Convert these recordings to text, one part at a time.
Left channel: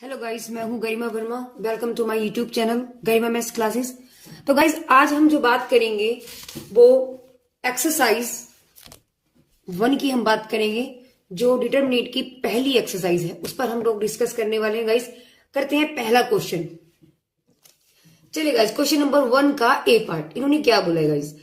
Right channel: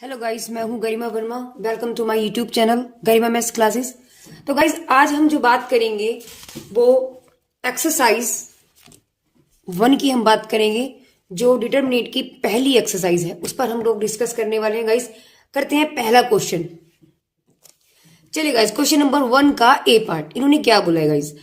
Hello guys, मैं हूं Garima Verma. Welcome to my YouTube channel Garima maths classes. तो गाइस, आज हम जो बात करेंगे वो एक्सरसाइज 1 की हम बात करेंगे, जो डिटरमिनेट की पहली एक्सरसाइज है, उस पर हम लोग डिस्कस करने वाले हैं। गाइस, करते हैं पहला क्वेश्चन। चलिए गाइस, क्वेश्चन नंबर 1 का ए पार्ट इन्होंने क्या बोला है। गाइस,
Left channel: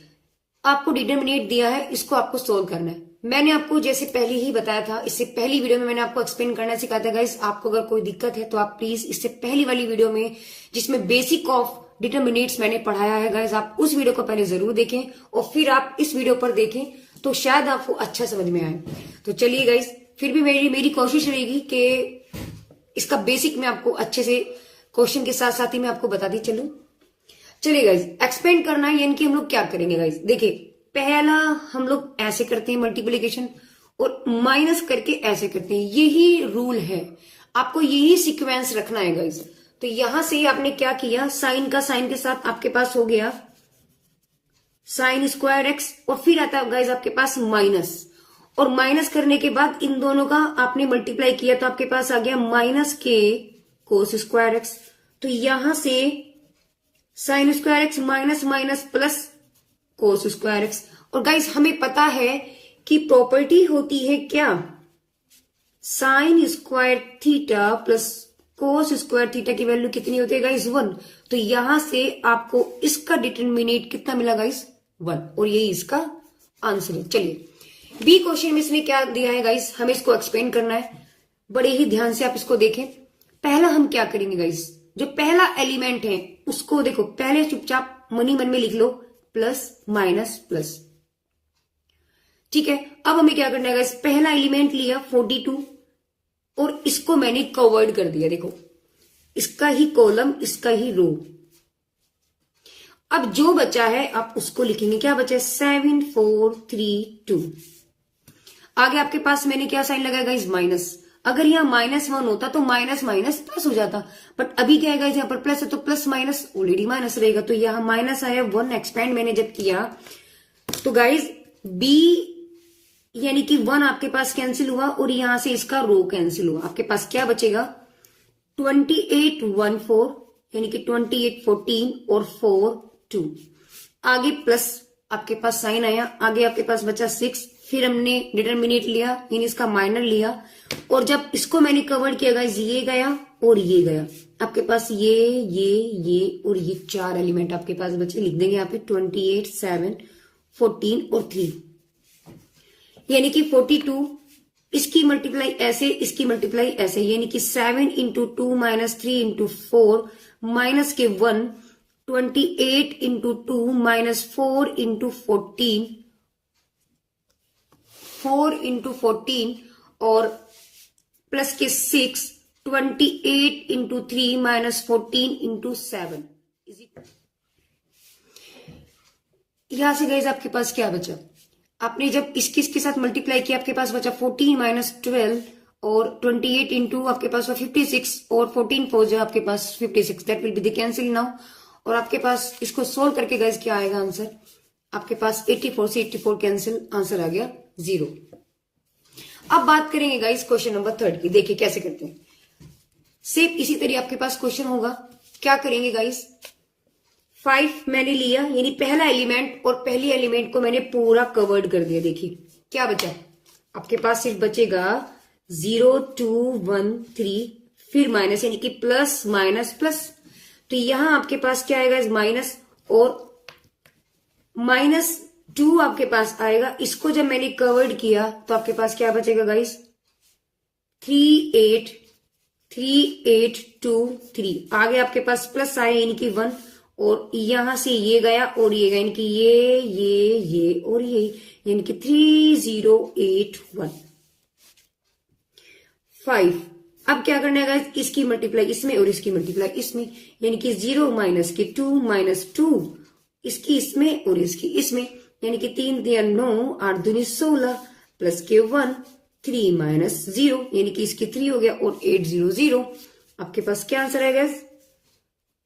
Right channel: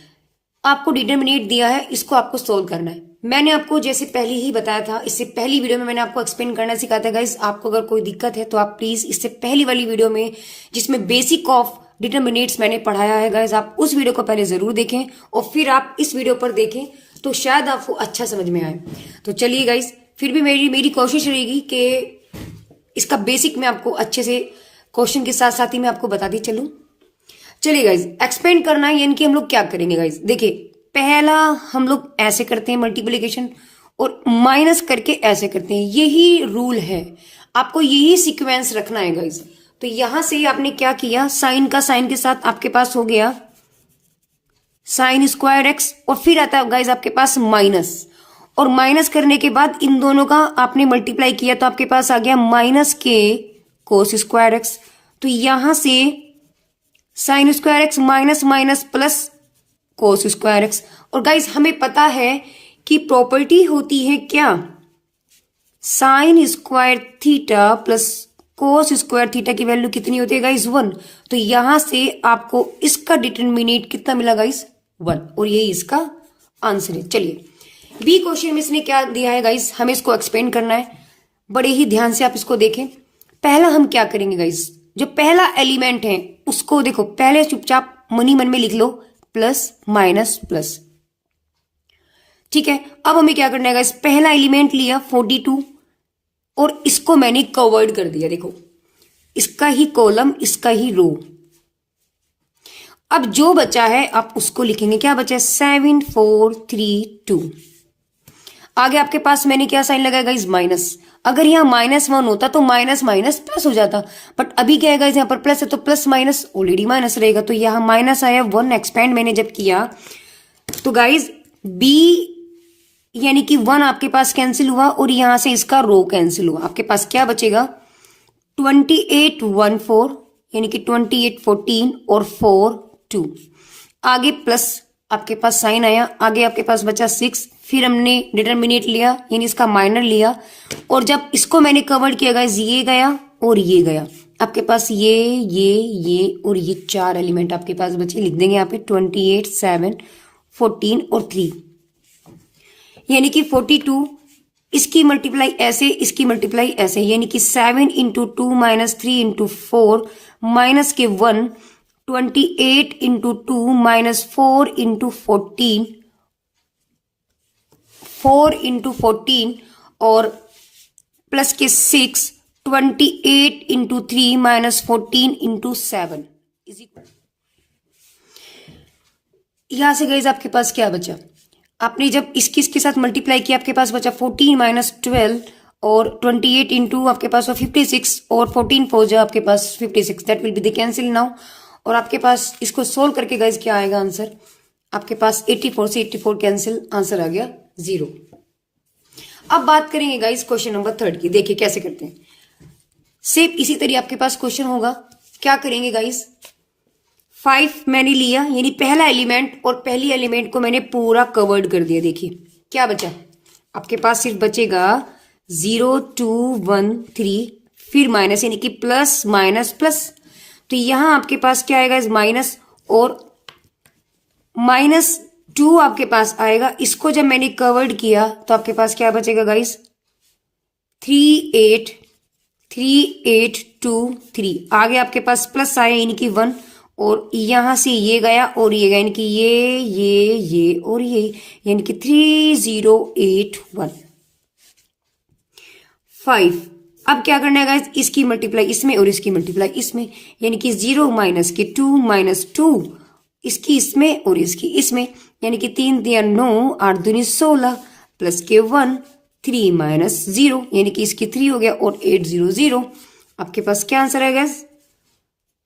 आपको डिटरमिनेट दिया है, इसको आपको सोल्व करना है। मैंने आपको जैसे पहले ही बताया था, इससे पहली वीडियो में मैंने आपको एक्सप्लेन करना सिखाया था। गाइस, आपको अगर कोई दिक्कत है तो आप प्लीज इससे पहली वाली वीडियो में, जिसमें बेसिक ऑफ डिटरमिनेट्स मैंने पढ़ाया है, गाइस आप उस वीडियो को पहले जरूर देखें और फिर आप इस वीडियो पर देखें, तो शायद आपको अच्छा समझ में आए। तो चलिए गाइस, फिर भी मेरी कोशिश रहेगी कि इसका बेसिक मैं आपको अच्छे से क्वेश्चन के साथ साथ ही मैं आपको बताती चलूं। चलिए गाइज, एक्सपेंड करना है, यानी कि हम लोग क्या करेंगे। गाइज देखिए, पहला हम लोग ऐसे करते हैं मल्टीप्लिकेशन, और माइनस करके ऐसे करते हैं। यही रूल है, आपको यही सीक्वेंस रखना है। गाइज, तो यहां से आपने क्या किया, साइन का साइन के साथ आपके पास हो गया साइन स्क्वायर एक्स, और फिर आता है गाइज आपके पास माइनस, और माइनस करने के बाद इन दोनों का आपने मल्टीप्लाई किया तो आपके पास आ गया माइनस के कोस स्क्वायर एक्स। तो यहां से sine square x minus minus plus cos square x. और गाइज, हमें पता है कि प्रॉपर्टी होती है क्या, sine square theta plus cos square theta की वैल्यू कितनी होती है गाइज, 1। तो यहां से आपको इसका डिटरमिनेट कितना मिला गाइज, 1, और यही इसका आंसर है। चलिए, बी क्वेश्चन में इसने क्या दिया है गाइज, हमें इसको एक्सप्लेन करना है। बड़े ही ध्यान से आप इसको देखें। पहला हम क्या करेंगे गाइज, जो पहला एलिमेंट है उसको देखो, पहले चुपचाप मनी मन में लिख लो, प्लस माइनस प्लस। ठीक है, अब हमें क्या करना है गाइस, पहला एलिमेंट लिया 42 और इसको मैंने कवर्ड कर दिया। देखो, इसका ही कॉलम, इसका ही रो। अब जो बचा है आप उसको लिखेंगे, क्या बचा है, 7 4 3 2। आगे आपके पास मैंने क्या साइन लगाया गाइस, माइनस। अगर यहाँ -1 होता तो माइनस माइनस प्लस हो जाता, बट अभी क्या है गाइस, यहाँ पर प्लस है तो प्लस माइनस ऑलरेडी माइनस रहेगा, तो यहाँ माइनस आया। 1 एक्सपेंड मैंने जब किया तो गाइस बी यानी कि 1 आपके पास कैंसिल हुआ, और यहां से इसका रो कैंसिल हुआ। आपके पास क्या बचेगा, 28 1 4, यानी कि 28 14 और 4 2। आगे प्लस आपके पास साइन आया, आगे आपके पास बचा 6। फिर हमने डिटरमिनेट लिया, यानी इसका माइनर लिया, और जब इसको मैंने कवर किया गाइस, ये गया और ये गया। आपके पास ये और ये 4 एलिमेंट आपके पास बचे। लिख देंगे यहाँ पे 28 7 14 और 3, यानी कि 42। इसकी मल्टीप्लाई ऐसे, इसकी मल्टीप्लाई ऐसे, यानी कि 7 इंटू 2 माइनस 3 इंटू 4 माइनस के 1, 28 इंटू 2 माइनस 4 इंटू 14, 4 इंटू 14 और प्लस के 6, 28 इंटू 3 माइनस 14 इंटू 7। यहां से गाइस आपके पास क्या बचा, आपने जब इसके साथ मल्टीप्लाई किया, आपके पास बचा 14 माइनस 12 और 28 इंटू आपके पास 56 और 14 4 जो आपके पास 56, that will be the cancel now. और आपके पास इसको सोल्व करके गाइस क्या आएगा आंसर, आपके पास 84 से 84 कैंसिल, आंसर आ गया 0। अब बात करेंगे गाइस क्वेश्चन नंबर 3 की। देखिए कैसे करते हैं, सेम इसी तरह आपके पास क्वेश्चन होगा। क्या करेंगे गाइस, 5 मैंने लिया, यानी पहला एलिमेंट, और पहली एलिमेंट को मैंने पूरा कवर्ड कर दिया। देखिए क्या बचा, आपके पास सिर्फ बचेगा 0 2 1 3, फिर माइनस, यानी कि प्लस माइनस प्लस। तो यहां आपके पास क्या आएगा, माइनस, और -2 आपके पास आएगा। इसको जब मैंने कवर्ड किया तो आपके पास क्या बचेगा गाइस, 3 8 3 8 2 3। आगे आपके पास प्लस आया, यानी कि 1, और यहां से ये गया और ये गया, यानी कि ये और ये, यानी कि 3 0 8 1 5। अब क्या करना है गाइस, इसकी मल्टीप्लाई इसमें और इसकी मल्टीप्लाई इसमें, यानी कि 0 माइनस के 2 माइनस 2, इसकी इसमें और इसकी इसमें, यानी कि 3 3 9 8 2 16 प्लस के 1 3 माइनस 0, यानी कि इसकी 3 हो गया और 8 0 0। आपके पास क्या आंसर है गाइस,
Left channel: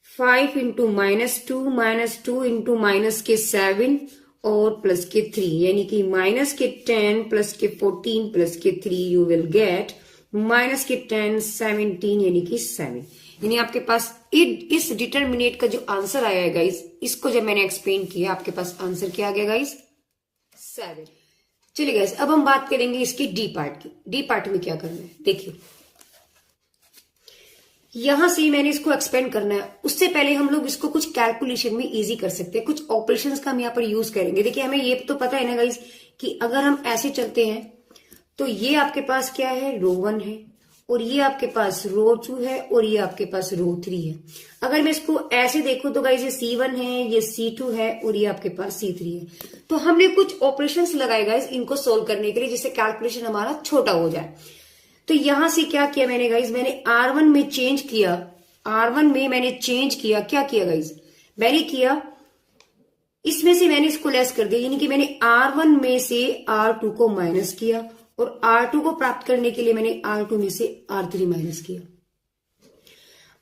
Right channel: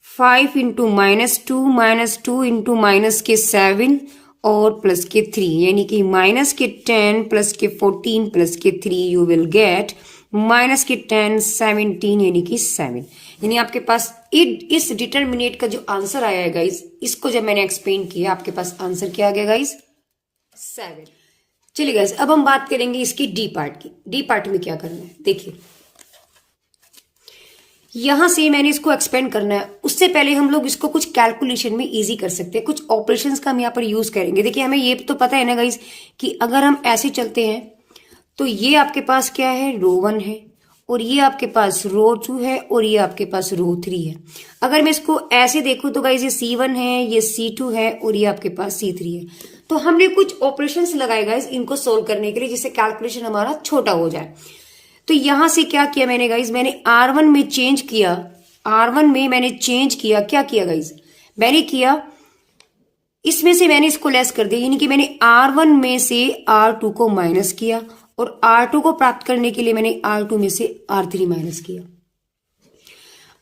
5 इंटू -2 इंटू माइनस के 7 और प्लस के 3, यानी कि -10 प्लस के 14 प्लस के 3 यू विल गेट माइनस के 10 17 यानी कि 7, यानी आपके पास इस डिटरमिनेट का जो आंसर आया है गाइस, इसको जब मैंने एक्सप्लेन किया आपके पास आंसर क्या आ गया गाइस, 7। चलिए गाइस, अब हम बात करेंगे इसकी डी पार्ट की। डी पार्ट में क्या करना है, देखिए यहां से मैंने इसको एक्सपेंड करना है। उससे पहले हम लोग इसको कुछ कैलकुलेशन में इजी कर सकते हैं, कुछ ऑपरेशंस का हम यहाँ पर यूज करेंगे। देखिए हमें ये तो पता है ना गाइस कि अगर हम ऐसे चलते हैं तो ये आपके पास क्या है, रो 1 है, और ये आपके पास रो 2 है, और ये आपके पास रो 3 है। अगर मैं इसको ऐसे देखूं तो गाइस ये C1 है, ये C2 है, और ये आपके पास C3 है। तो हमने कुछ ऑपरेशंस लगाए गाइस इनको सोल्व करने के लिए, जिससे कैलकुलेशन हमारा छोटा हो जाए। तो यहां से क्या किया मैंने गाइस, मैंने R1 में चेंज किया, R1 में मैंने चेंज किया, क्या किया गाइस, मैंने किया इसमें से मैंने इसको लेस कर दिया, यानी कि मैंने R1 में से R2 को माइनस किया, और R2 को प्राप्त करने के लिए मैंने R2 में से R3 माइनस किया।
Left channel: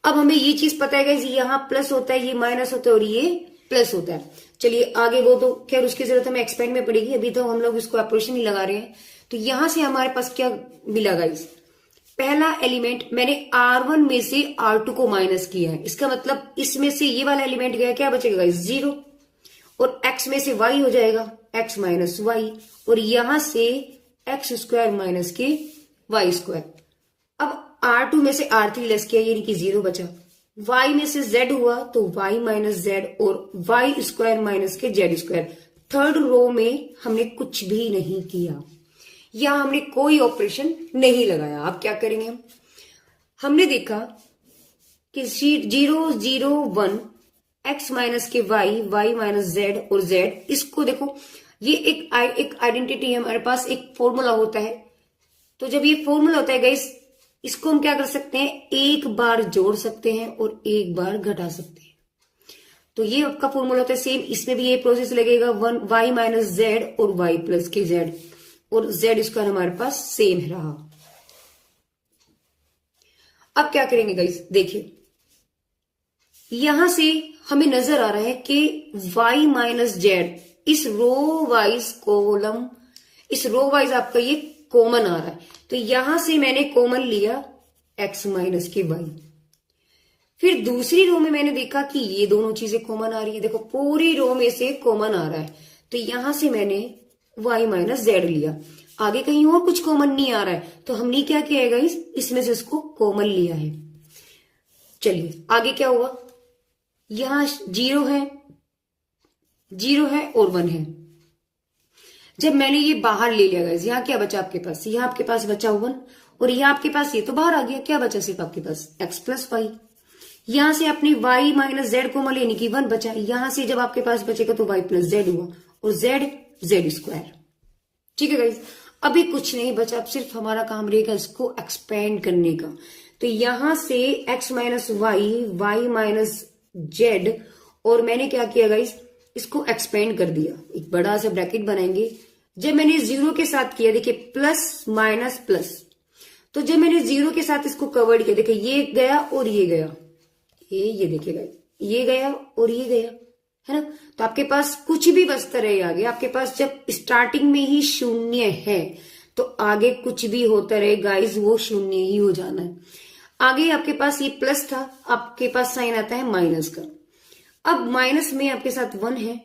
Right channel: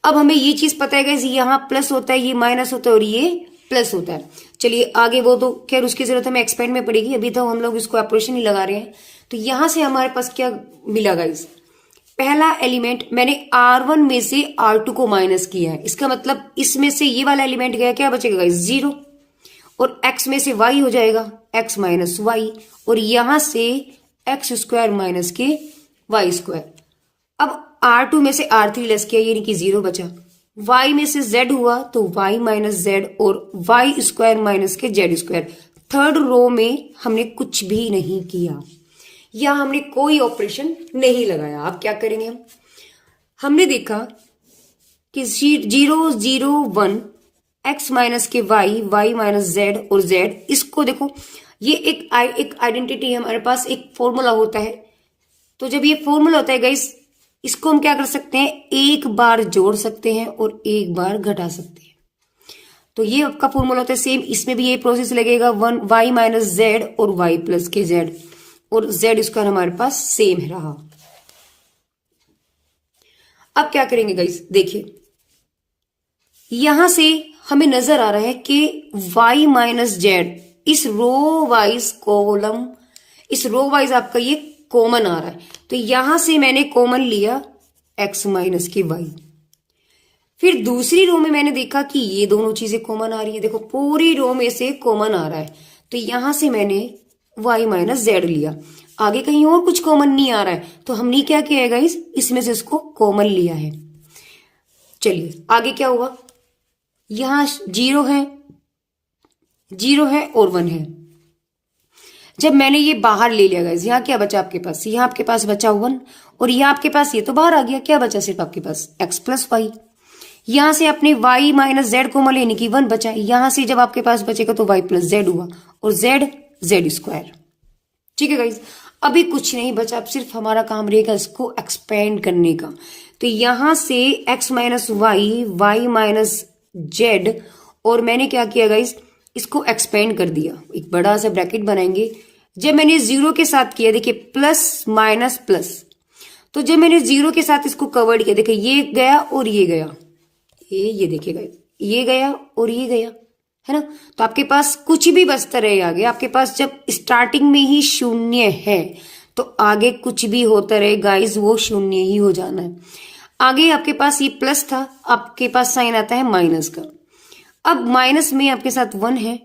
अब हमें ये चीज पता है गाइस, यहां प्लस होता है, ये माइनस होता है, और ये प्लस होता है। चलिए आगे वो तो खैर उसकी जरूरत हमें एक्सपेंड में पड़ेगी, अभी तो हम लोग इसको ऑपरेशन ही लगा रहे हैं। तो यहां से हमारे पास क्या मिला गाइस, पहला एलिमेंट मैंने R1 में से R2 को माइनस किया है, इसका मतलब इसमें से ये वाला एलिमेंट गया, क्या बचेगा गाइस, 0, और x में से y हो जाएगा x माइनस वाई, और यहां से x स्क्वायर माइनस के वाई स्क्वायर। अब R2 में से R3 लेस किया, यानी कि 0 बचा। y में से z हुआ तो y माइनस z, और y स्क्वायर माइनस के z स्क्वायर। थर्ड रो में हमने कुछ भी नहीं किया, या हमने कोई ऑपरेशन नहीं लगाया। अब क्या करेंगे हमने देखा कि 0 0 1 x माइनस के y माइनस z, और z, इसको देखो ये एक आइडेंटिटी है हमारे पास, एक फॉर्मूला होता है। तो जब ये फॉर्मूला होता है गाइस, इसको हम क्या कर सकते हैं, एक बार जोड़ सकते हैं और एक बार घटा सकते हैं। तो ये आपका फॉर्मूला होता है सेम, इसमें भी ये प्रोसेस लगेगा, 1 y माइनस z और y प्लस के z, और z स्क्वायर हमारे पास सेम रहा। अब क्या करेंगे गाइस, देखिए यहां से हमें नजर आ रहा है कि y माइनस जेड इस रो वाइज कॉलम, इस रो वाइज आपका ये कॉमन आ रहा है। तो यहां से मैंने कॉमन लिया x माइनस के y। फिर दूसरी रो में मैंने देखा कि ये दोनों चीजें कॉमन आ रही है, देखो पूरी रो में से कॉमन आ रहा है, तो यहां से मैंने y माइनस जेड लिया। आगे कहीं और कुछ कॉमन नहीं आ रहा है, तो हमने क्या किया है गाइस, इसमें से इसको कॉमन लिया है। चलिए आगे क्या हुआ, यहां 0 है, 0 है और 1 है। जब मैंने ये बाहर ले लिया गाइस, यहाँ क्या बचा आपके पास, यहाँ आपके पास बचा 1, और यहाँ आपके पास ये तो बाहर आ गया, क्या बचा सिर्फ आपके पास x प्लस वाई। यहां से अपने y माइनस जेड को लेने की 1 बचा, यहां से जब आपके पास बचेगा तो y प्लस जेड हुआ, और z स्क्वायर। ठीक है गाइस, अभी कुछ नहीं बचा, अब सिर्फ हमारा काम रहेगा इसको एक्सपेंड करने का। तो यहां से x minus Y, y minus Z, और मैंने क्या किया गाइस, इसको एक्सपेंड कर दिया, एक बड़ा सा ब्रैकेट बनाएंगे। जब मैंने 0 के साथ किया, देखिए प्लस माइनस प्लस, तो जब मैंने 0 के साथ इसको कवर्ड किया, देखिए ये गया और ये गया, ये देखिएगा ये गया और ये गया, है ना। तो आपके पास कुछ भी बचता रहे आगे, आपके पास जब स्टार्टिंग में ही 0 है तो आगे कुछ भी होता रहे गाइस वो 0 ही हो जाना है। आगे आपके पास ये प्लस था, आपके पास साइन आता है माइनस का। अब माइनस में आपके साथ 1 है,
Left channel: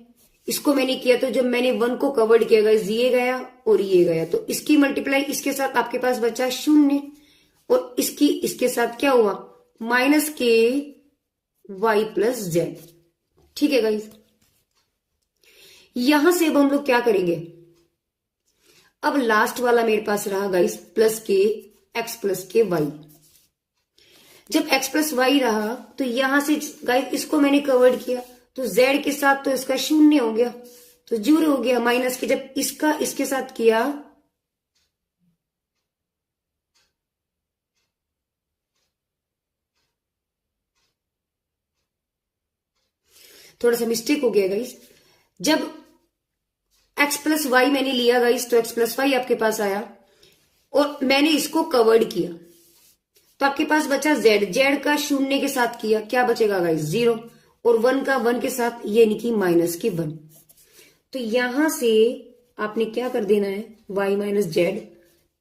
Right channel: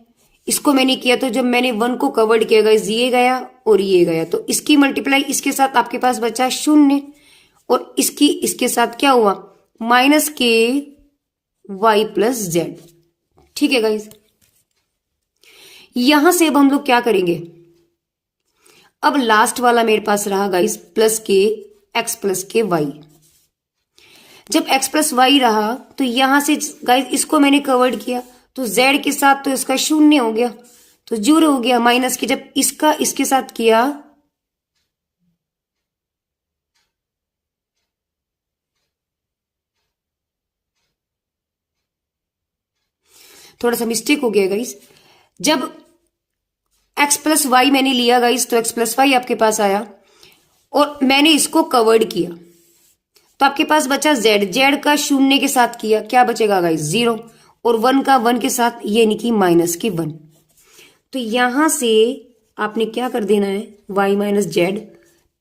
इसको मैंने किया, तो जब मैंने 1 को कवर्ड किया गाइस, ये गया और ये गया, तो इसकी मल्टीप्लाई इसके साथ आपके पास बचा 0, और इसकी इसके साथ क्या हुआ, माइनस के y प्लस जेड। ठीक है गाइस, यहां से अब हम लोग क्या करेंगे, अब लास्ट वाला मेरे पास रहा गाइस प्लस के x प्लस के y। जब x प्लस वाई रहा तो यहां से गाइस इसको मैंने कवर्ड किया, तो z के साथ तो इसका 0 हो गया, तो 0 हो गया, माइनस के जब इसका इसके साथ किया थोड़ा सा मिस्टेक हो गया गाइस। जब x प्लस वाई मैंने लिया गाइस, तो x प्लस वाई आपके पास आया और मैंने इसको कवर्ड किया, तो आपके पास बचा z का 0 के साथ किया, क्या बचेगा गाइस 0, और 1 का 1 के साथ, यानी कि माइनस के 1। तो यहां से आपने क्या कर देना है, y माइनस जेड,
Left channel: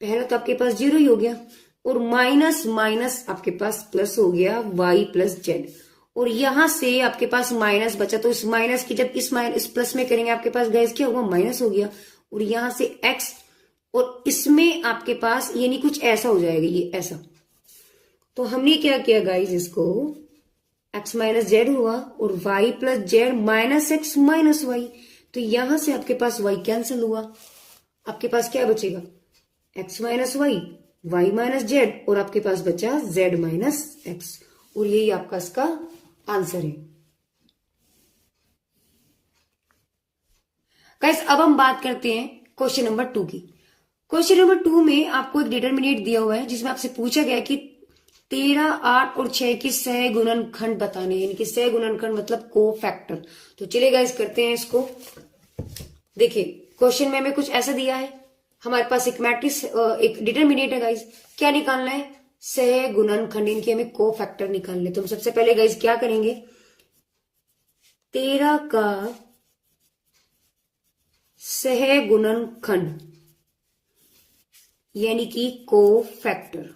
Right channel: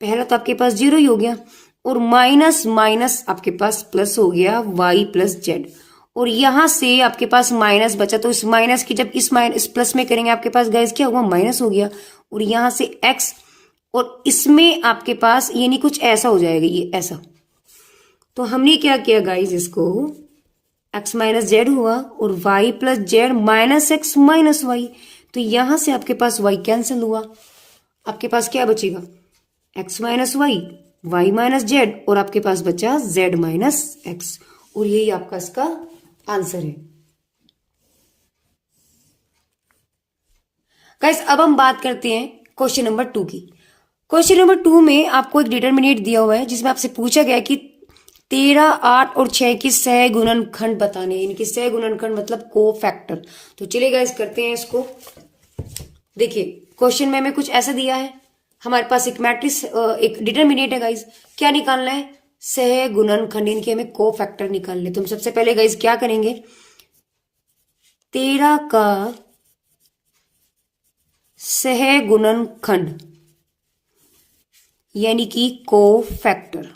पहला तो आपके पास 0 ही हो गया, और माइनस माइनस आपके पास प्लस हो गया y प्लस जेड, और यहां से आपके पास माइनस बचा, तो इस माइनस की जब इस माइनस प्लस में करेंगे आपके पास गाइस क्या हुआ, माइनस हो गया, और यहां से x, और इसमें आपके पास यानी कुछ ऐसा हो जाएगा, ये ऐसा। तो हमने क्या किया गाइस, इसको x माइनस जेड हुआ और y plus Z minus X minus Y, तो यहां से आपके पास y कैंसिल हुआ, आपके पास क्या बचेगा, x minus Y, Y minus Z, और आपके पास बचा z माइनस एक्स, और यही आपका इसका आंसर है। गाइस अब हम बात करते हैं क्वेश्चन नंबर 2 की। क्वेश्चन नंबर 2 में आपको एक डिटरमिनेट दिया हुआ है जिसमें आपसे पूछा गया है कि 13, 8 और 6 की सह गुणनखंड बताने, यानी कि सह गुणनखंड मतलब को फैक्टर। तो चलिए गाइस करते हैं इसको। देखिए क्वेश्चन में हमें कुछ ऐसा दिया है, हमारे पास एक मैट्रिक्स एक डिटरमिनेट है गाइस, क्या निकालना है, सह गुणनखंड, इनके हमें को फैक्टर निकालने। तो हम सबसे पहले गाइस क्या करेंगे, 13 का सह गुणनखंड यानी कि को फैक्टर,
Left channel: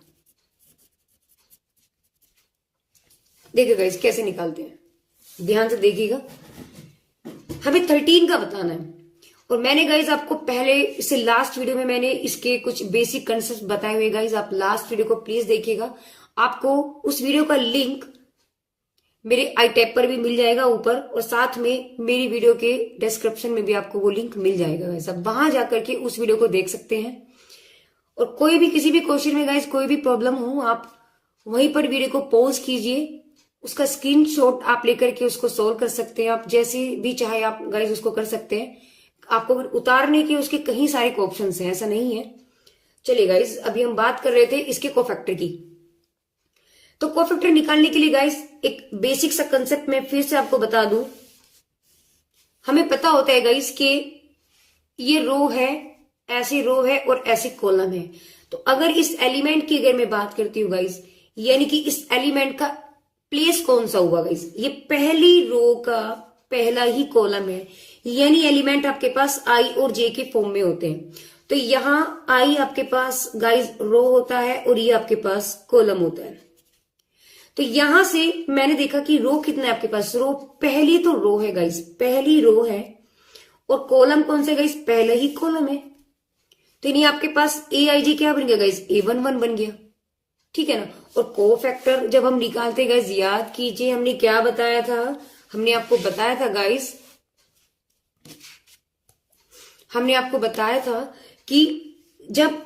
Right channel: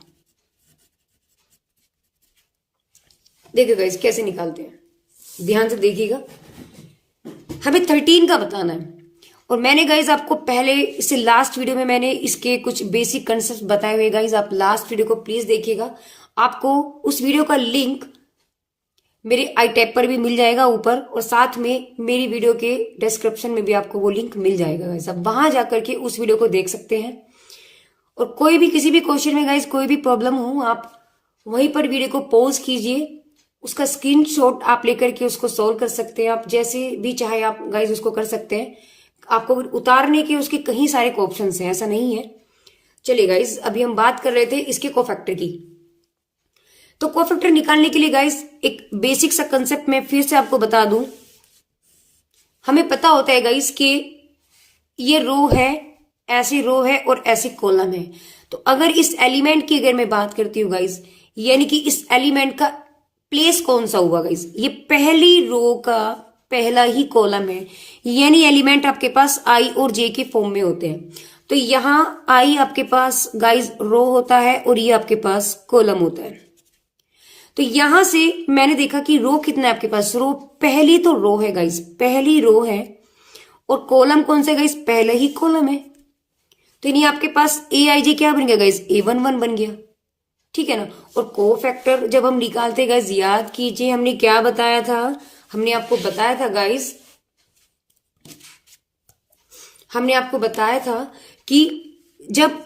देखिए गाइस कैसे निकालते हैं, ध्यान से देखिएगा। हमें 13 का बताना है, और मैंने गाइज आपको पहले इससे लास्ट वीडियो में मैंने इसके कुछ बेसिक कंसेप्ट बताए हुए गाइज, आप लास्ट वीडियो को प्लीज देखिएगा। आपको उस वीडियो का लिंक मेरे आई टैब पर भी मिल जाएगा ऊपर, और साथ में मेरी वीडियो के डिस्क्रिप्शन में भी आपको वो लिंक मिल जाएगा गाइज, आप वहां जाकर के उस वीडियो को देख सकते हैं। और कोई भी किसी भी क्वेश्चन में गाइज कोई भी प्रॉब्लम हो, आप वहीं पर वीडियो को पॉज कीजिए, उसका स्क्रीनशॉट आप लेकर के उसको सॉल्व कर सकते हैं, आप जैसे भी चाहे आप गाइज उसको कर सकते हैं। आपको उतारने के उसके कई सारे ऑप्शन हैं, ऐसा नहीं है। चलिए गाइज अभी हम बात कर रहे थे इसके कोफैक्टर की। तो कोफैक्टर निकालने के लिए गाइज एक बेसिक सा कंसेप्ट में फिर से आपको बता दूं, हमें पता होता है गाइज कि ये रो है, ऐसी रो है और ऐसी कॉलम है। तो अगर इस एलिमेंट की अगर मैं बात करती हूँ गाइज, यानी कि इस एलिमेंट का प्लेस कौन सा हुआ गाइज, ये पहली रो का पहला ही कॉलम है, यानी एलिमेंट आपके पास आई और जे के फॉर्म में होते हैं। तो यहां आई आपके पास गाइज रो होता है और ये आपके पास कॉलम होता है। तो यहां से मैंने देखा कि रो कितना है आपके पास, रो पहली तो रो है गाइज, पहली रो है, और कॉलम कौन सा गाइज, पहला ही कॉलम है। तो यानी आपके पास ए आई जे क्या बन गया गाइज, A11 बन गया, ठीक है ना। और को फैक्टर जब हम निकालते गाइज, याद कीजिए हमने क्या बताया था, हमने आपको बताया था गाइज, हमने आपको बताया था कि जब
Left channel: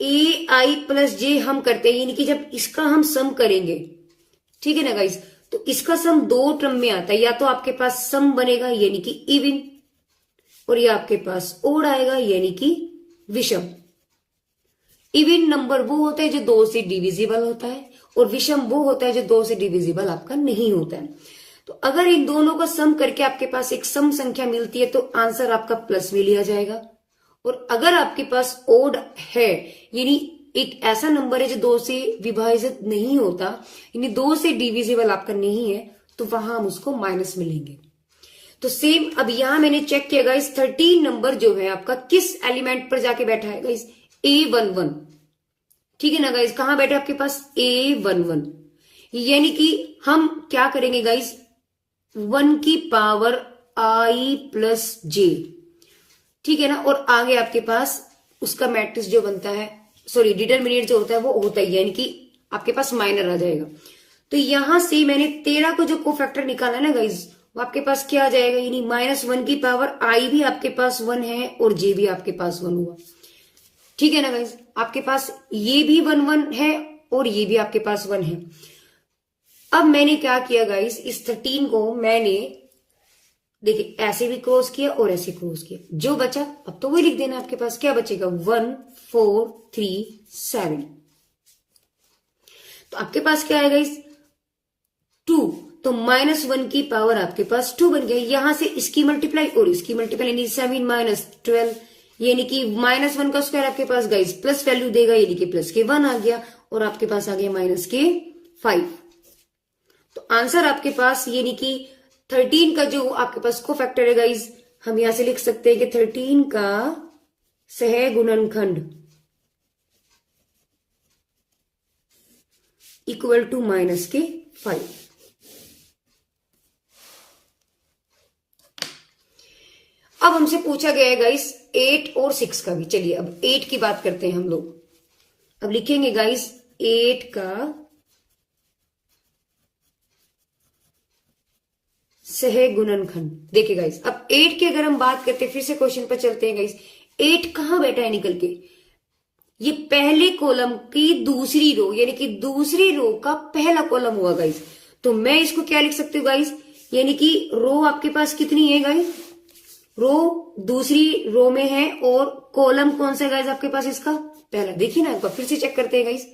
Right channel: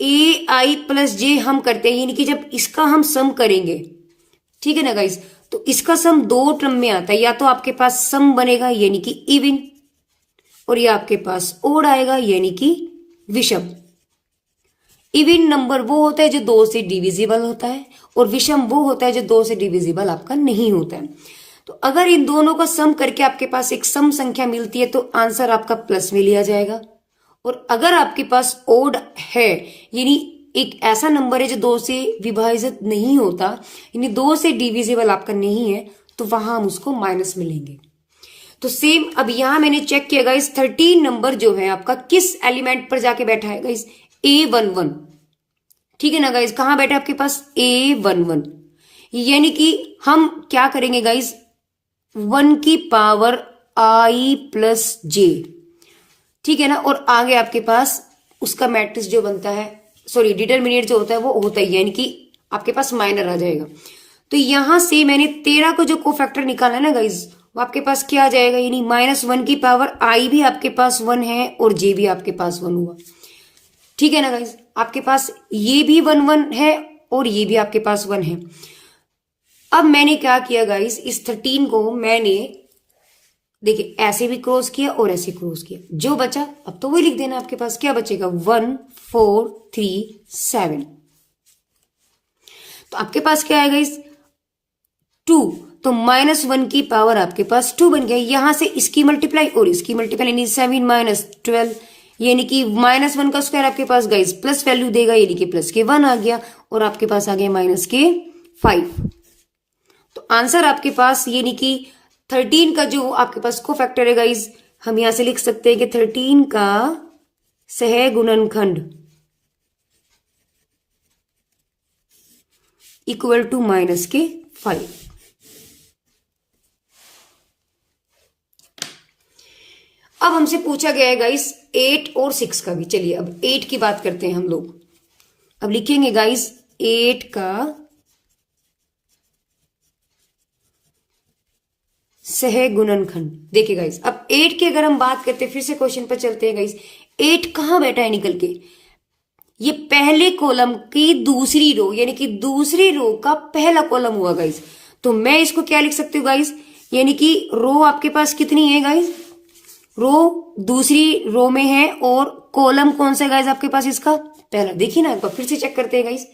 ए आई प्लस जे हम करते हैं, यानी कि जब इसका हम सम करेंगे, ठीक है ना गाइज, तो इसका सम दो टर्म में आता है, या तो आपके पास सम बनेगा यानी कि इवन, और ये आपके पास ओड आएगा यानी कि विषम। इवन नंबर वो होता है जो 2 से डिविजिबल होता है, और विषम वो होता है जो 2 से डिविजिबल आपका नहीं होता है। तो अगर इन दोनों का सम करके आपके पास एक सम संख्या मिलती है तो आंसर आपका प्लस में लिया जाएगा। और अगर आपके पास ओड है, यानी एक ऐसा नंबर है जो 2 से विभाजित नहीं होता, यानी 2 से डिविजिबल आपका नहीं है, तो वहां हम उसको माइनस में लेंगे। तो सेम अब यहां मैंने चेक किया गाइस, 13 नंबर जो है आपका किस एलिमेंट पर जाके बैठा है गाइस, A11, ठीक है ना गाइस, कहां बैठा है आपके पास, A11, यानी कि हम क्या करेंगे गाइस, 1 की पावर I प्लस जे, ठीक है ना, और आगे आपके पास उसका मैट्रिक्स जो बनता है, सॉरी डिटरमिनेट जो होता है वो होता है, यानी कि आपके पास माइनर आ जाएगा। तो यहां से मैंने 13 को जो कोफैक्टर निकाला है ना गाइज, वो आपके पास क्या आ जाएगा, यानी -1 की पावर आई भी आपके पास 1 है और जे भी आपके पास 1 हुआ, ठीक है ना गाइज, आपके पास ये भी 1 1 है और ये भी आपके पास 1 है। अब मैंने क्या किया गाइज, इस 13 को मैंने देखिए ऐसे भी क्रॉस किया और ऐसे क्रॉस किया, जो बचा अब तो वही लिख देना, आपके पास क्या बचेगा, 1 4 3 7। तो आपके पास क्या आएगा इस 2, तो -1 की पावर आपके पास 2 बन गया, यहां से इसकी मल्टीप्लाई और इसकी मल्टीप्लाई, यानी 7 - 12, यानी कि -1 का स्क्वायर आपके पास गाइस प्लस वैल्यू देगा, यानी कि प्लस के 1 आ गया, और आपके पास आ गया -5। तो आंसर आपके पास यानी कि 13 का जो आपके पास को फैक्टर है गाइस, हम यहां से लिख सकते हैं कि 13 का सह गुणनखंड इक्वल टू माइनस के 5। अब हमसे पूछा गया है गाइस 8 और 6 का भी। चलिए अब 8 की बात करते हैं हम लोग। अब लिखेंगे गाइस 8 का सहगुणनखंड। देखिए गाइस अब 8 की अगर हम बात करते हैं, फिर से क्वेश्चन पर चलते हैं गाइस। 8 कहां बैठा है निकल के? ये पहले कॉलम की दूसरी रो, यानी कि दूसरी रो का पहला कॉलम हुआ गाइस। तो मैं इसको क्या लिख सकती हूँ गाइस, यानी कि रो आपके पास कितनी है गाइस? रो दूसरी रो में है और कॉलम कौन सा है गाइस आपके पास? इसका पहला। देखिए ना, एक बार फिर से चेक करते हैं गाइस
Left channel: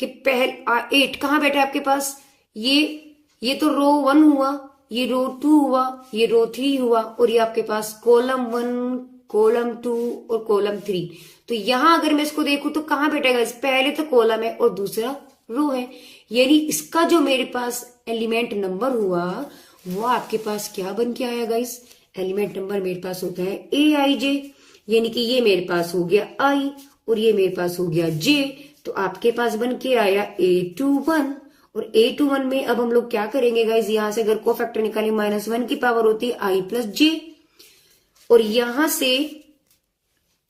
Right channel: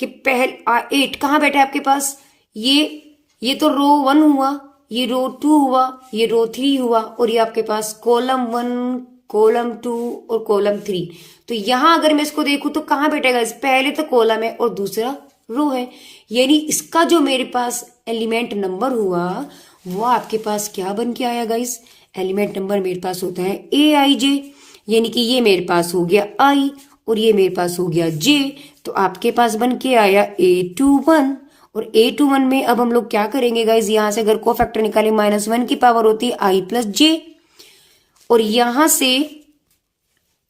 कि 8 कहां बैठा है आपके पास? ये तो रो 1 हुआ, ये रो 2 हुआ, ये रो 3 हुआ, और ये आपके पास कॉलम 1, कॉलम 2 और कॉलम 3। तो यहां अगर मैं इसको देखूं तो कहां बैठेगा? इस पहले तो कॉलम है और दूसरा रो है, यानी इसका जो मेरे पास एलिमेंट नंबर हुआ वो आपके पास क्या बन के आया गाइस? एलिमेंट नंबर मेरे पास होता है AIJ, यानी कि ये मेरे पास हो गया I और ये मेरे पास हो गया J। तो आपके पास बन के आया A21। और A21 में अब हम लोग क्या करेंगे गाइस, यहां से अगर कोफैक्टर निकाले -1 की पावर होती है I प्लस J, और यहां से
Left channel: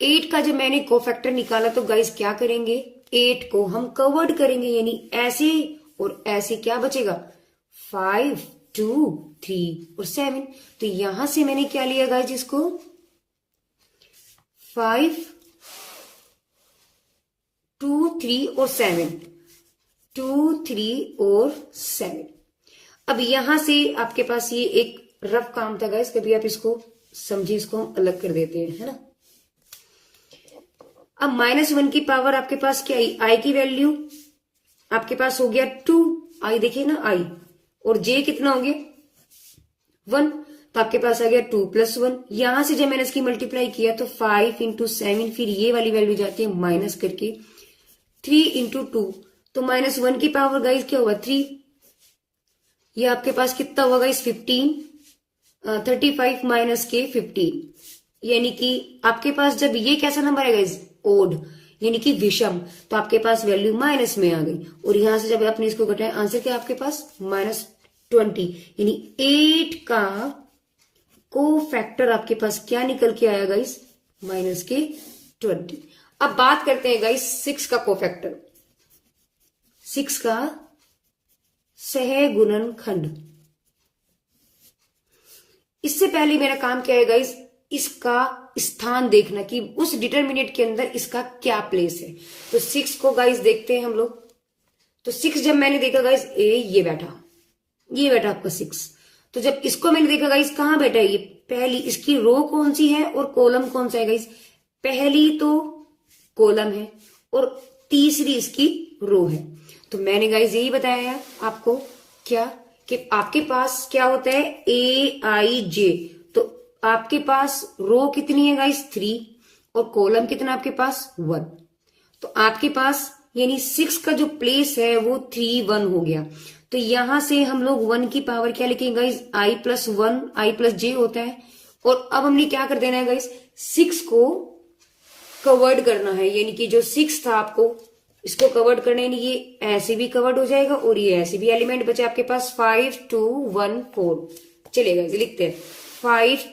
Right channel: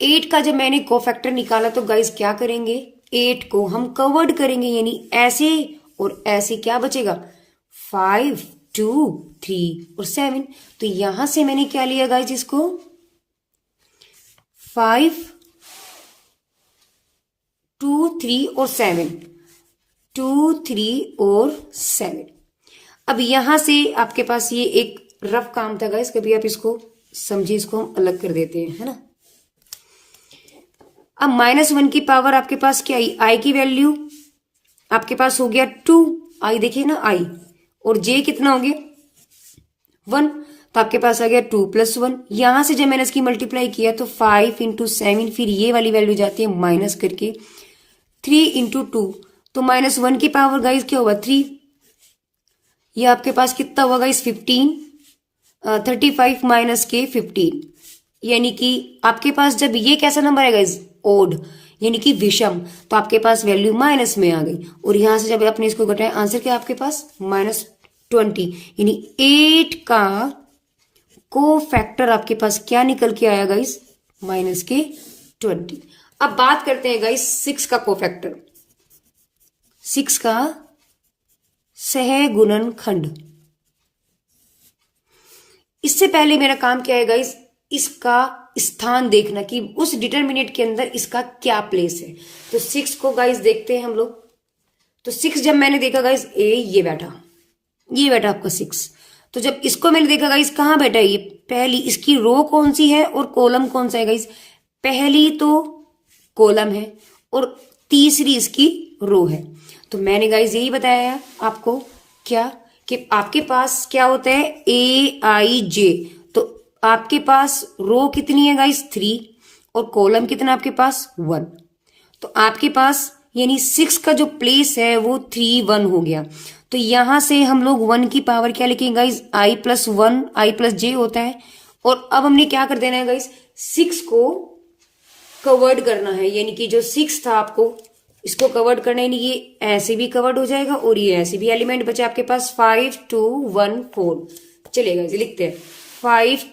8 का जब मैंने कोफैक्टर निकाला तो गाइस क्या करेंगे, 8 को हम कवर्ड करेंगे, यानी ऐसे और ऐसे क्या बचेगा? 5, 2, 3 और 7। तो यहां से मैंने क्या लिया गाइस, इसको 5, 2, 3 और 7, 2, 3 और 7। अब यहां से आपके पास ये एक रफ काम था गाइस, कभी आप इसको समझिए, इसको हम अलग कर देते हैं, है ना। अब -1 की पावर आपके पास क्या आई? आई की वैल्यू आपके पास हो गया 2, आई देखिए ना आई, और जे कितना हो गया 1, तो आपके पास आ गया 2 + 1। यहां से जब मैंने इसकी मल्टीप्लाई किया तो 5 × 7, फिर ये वाली वैल्यू जाती है माइनस करके 3 × 2, तो -1 की पावर गाइस क्या हुआ 3। ये आपके पास कितना हुआ गाइस 15, 35 माइनस के 15, यानी कि आपके पास जब ये कैसा नंबर है गाइस, ओड, यानी कि विषम, तो आपके पास वैल्यू माइनस में आ गई। और यहां से जब आपने इसको घटाया, आंसर क्या आपके पास -20, यानी 8 का को फैक्टर आपके पास क्या निकल के आया गाइस, -20। अब बात करते हैं गाइस 6 का को फैक्टर, 6 का सहगुणनखंड। इससे पहले मेरा काम क्या है गाइस, इसका स्थान देखना कि उस डिटरमिनेंट के अंदर इसका क्या प्लेस है। तो 6 को गाइस देखते हैं हम लोग। तो 6 जब मैंने देखा गाइस, ये बैठा आपका 6। तो जब इसको मैंने देखा गाइस, कहां बैठा है ये? पहली इसकी रो कौन सी है और कॉलम कौन सा है गाइस? पहली तो कॉलम है और तीसरी इसकी रो है। तो मैंने गाइस यही बताया है आपको, क्या कि आपके पास क्या होता है AIJ। तो आपके पास रो कितनी है गाइस 3 और कॉलम कितना आपके पास 1। तो आपके पास यानी 6 का जो प्लेस है वो 3, 1 हो गया। तो यहां से हम लोग 1 की पावर क्या लिखेंगे गाइस, I + 1, I + J होता है। और अब हमने क्या कर देना है गाइस, 6 को कवर्ड करना है, यानी कि जो 6 था आपको इसको कवर्ड करना है, ये ऐसे भी कवर्ड हो जाएगा और ये ऐसे भी। एलिमेंट बचे आपके पास 5, 2, 1, 4। चलेगा, इसे लिखते हैं 5,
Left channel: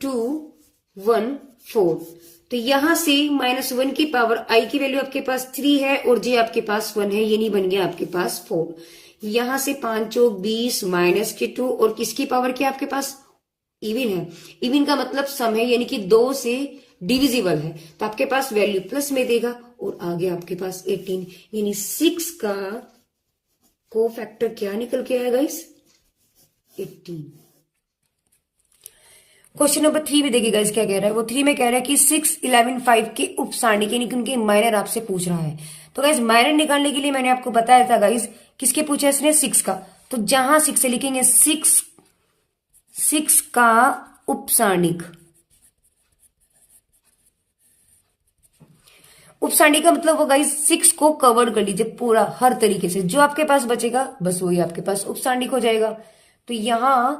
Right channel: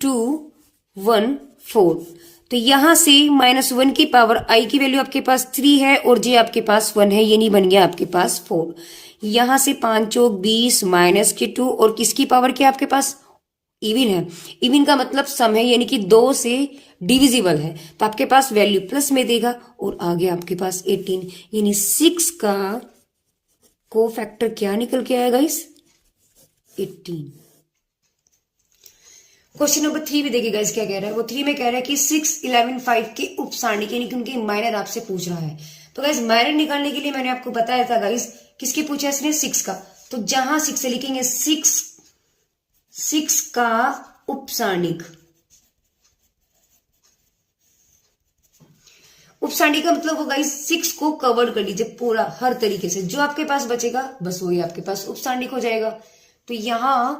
2, 1, 4। तो यहां से -1 की पावर I की वैल्यू आपके पास 3 है और J आपके पास 1 है, यानी बन गया आपके पास 4। यहां से 5 चौक 20 -2, और किसकी पावर क्या आपके पास इवन है। इवन का मतलब सम है, यानी कि 2 से डिविजिबल है, तो आपके पास वैल्यू प्लस में देगा और आगे आपके पास 18, यानी 6 का को फैक्टर क्या निकल के आया गाइस 18। क्वेश्चन नंबर 3 में देखिए गाइस क्या कह रहा है। वो 3 में कह रहा है कि 6, 11, 5 के उपसारणिक, यानी कि उनके माइनर आपसे पूछ रहा है। तो गाइस माइनर निकालने के लिए मैंने आपको बताया था गाइस, किसके पूछा इसने 6 का। तो जहां 6 से लिखेंगे 6 का उपसारणिक। उपसारणिक का मतलब होगा गाइस 6 को कवर कर लीजिए पूरा हर तरीके से, जो आपके पास बचेगा बस वही आपके पास उपसारणिक हो जाएगा। तो यहां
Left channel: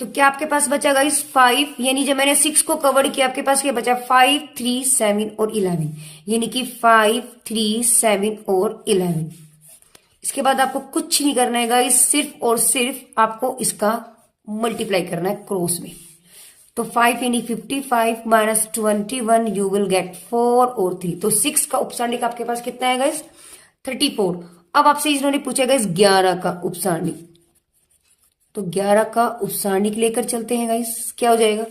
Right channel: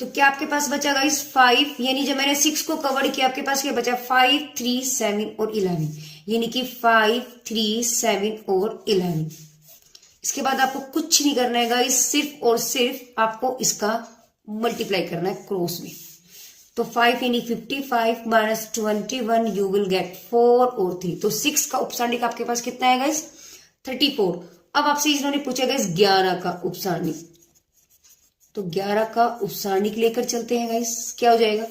तो क्या आपके पास बचा गाइस 5, यानी जब मैंने 6 को कवर किया आपके पास क्या बचा 5, 3, 7 और 11, यानी कि 5, 3, 7 और 11। इसके बाद आपको कुछ नहीं करना है गाइस, सिर्फ और सिर्फ आपको इसका मल्टीप्लाई करना है क्रॉस में। तो 5 यानी 55 माइनस 21 यू विल गेट 4 और 3। तो 6 का उपसारणिक आपके पास कितना है गाइस 34। अब आपसे इन्होंने पूछा गाइस 11 का उपसारणिक, तो 11 का उपसारणिक लेकर चलते हैं गाइस। क्या हो जाएगा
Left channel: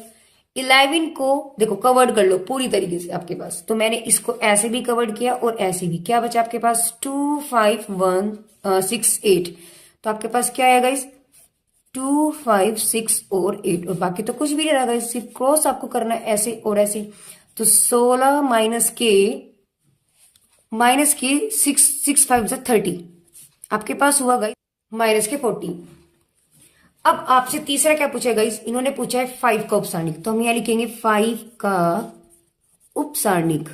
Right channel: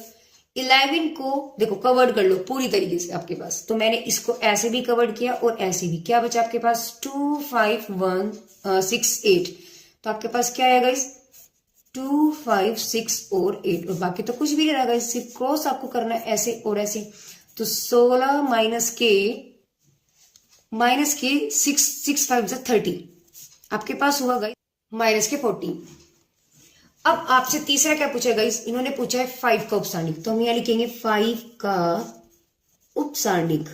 11 को देखो कवर्ड कर लो पूरी तरीके से आपके पास। तो मैंने इसको ऐसे भी कवर्ड किया और ऐसे भी। क्या बचा आपके पास 2, 5, 1, 6, 8। तो आपके पास क्या है गाइस 2, 5, 6 और 8 और बाकी तो कुछ भी नहीं रहा गाइस, सिर्फ क्रॉस आपको करना है ऐसे और ऐसे। तो 16 माइनस के 6 5 30 आपके पास हुआ गाइस माइनस के 40। अब आपसे तीसरा क्या पूछा है गाइस, इन्होंने पूछा है 5 का उपसारणिक। तो हम यहां लिखेंगे 5 का उपसारणिक।